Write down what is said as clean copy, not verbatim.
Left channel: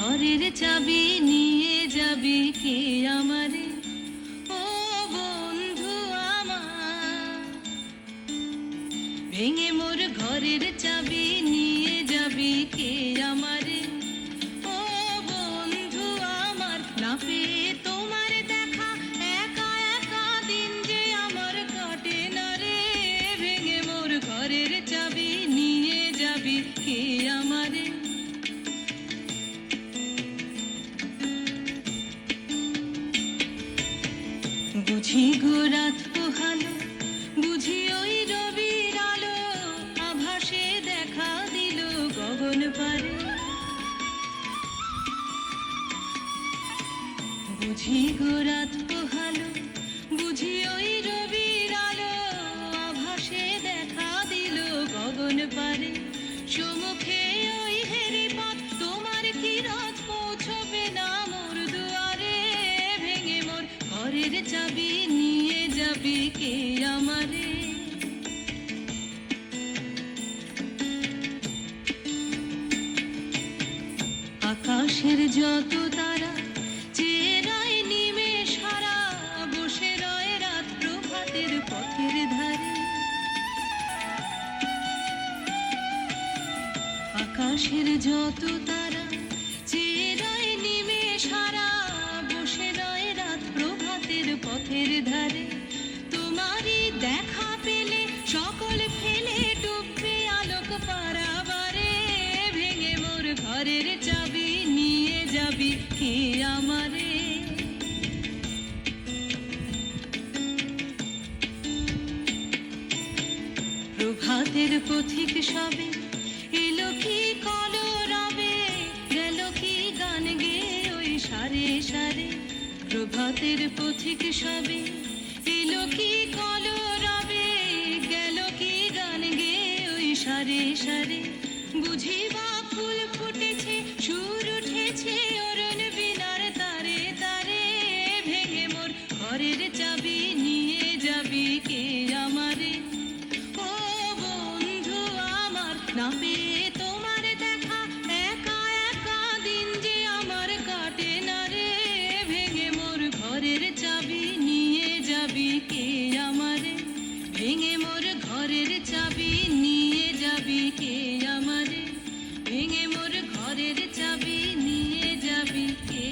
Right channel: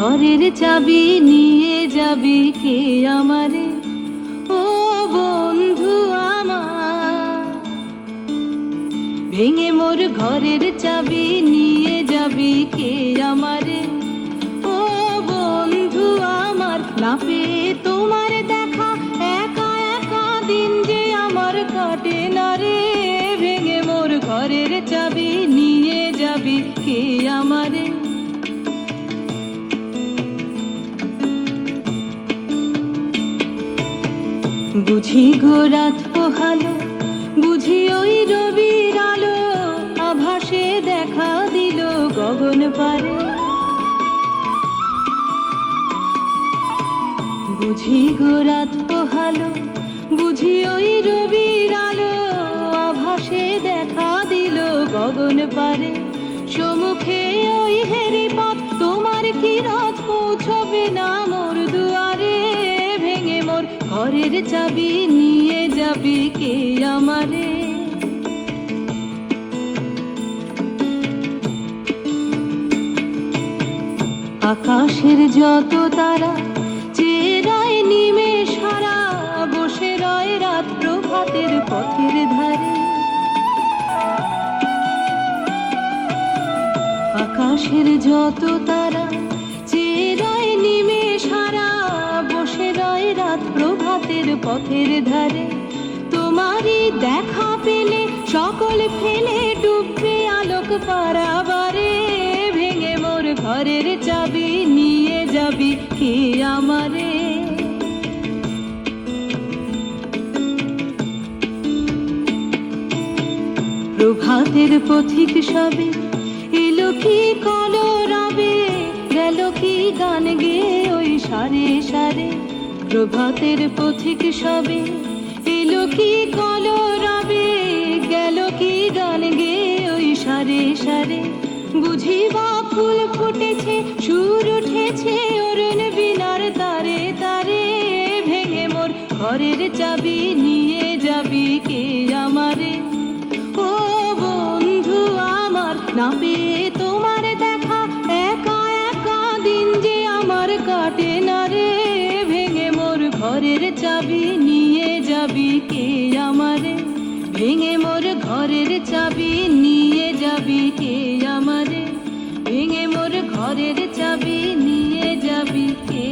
ঘরের চাবি নিয়ে যাবি কে আমারে, ও বন্ধু আমার। ভেঙে মোর ঘরের চাবি নিয়ে যাবি কে আমারে, ও বন্ধু আমার। না পেয়ে তোমার দেখা একা একা দিন যে আমার কাটে না রে। ভেঙে মোর ঘরের চাবি নিয়ে যাবি কে আমারে। বুঝি গো রাত পোহালো, বুঝি ওই রবির আলো, আভাসে দেখা দিল গগন পারে। বুঝি গো রাত পোহালো, বুঝি ওই রবির আলো, আভাসে দেখা দিল গগন পারে। সম্মুখে ওই হেরি পথ, তোমার কি রথ পৌঁছবে না মোর দুয়ারে। ভেঙে মোর ঘরের চাবি নিয়ে যাবি কে আমারে। আকাশের যত তারা চেরায় নিমেষ হারা, বসে রয় রাত প্রভাতের পথের ধারে। আকাশের যত তারা চেরায় নিমেষ হারা, বসে রয় রাত প্রভাতের পথের ধারে। তোমারই দেখা পেলে সকল ফেলে ডুববে আলোক পারাবারে। ভেঙে মোর ঘরের চাবি নিয়ে যাবি কে আমারে। প্রভাতের পথিক সবে এলো কি কলরবে, গেল কি গান গেয়ে ওই সারে সারে। প্রভাতের পথিক সবে এলো কি কলরবে, গেল কি গান গেয়ে ওই সারে সারে। বুঝি বা ফুল ফুটেছে, সুর উঠেছে অরুণ বীণার তারে তারে। ভেঙে মোর ঘরের চাবি নিয়ে যাবি কে আমারে, ও বন্ধু আমার। না পেয়ে তোমার দেখা একা একা দিন যে আমার কাটে না রে। ভেঙে মোর ঘরের চাবি নিয়ে যাবি কে আমারে। ভেঙে মোর ঘরের চাবি নিয়ে যাবি কে আমারে। ভেঙে মোর ঘরের চাবি নিয়ে যাবি কে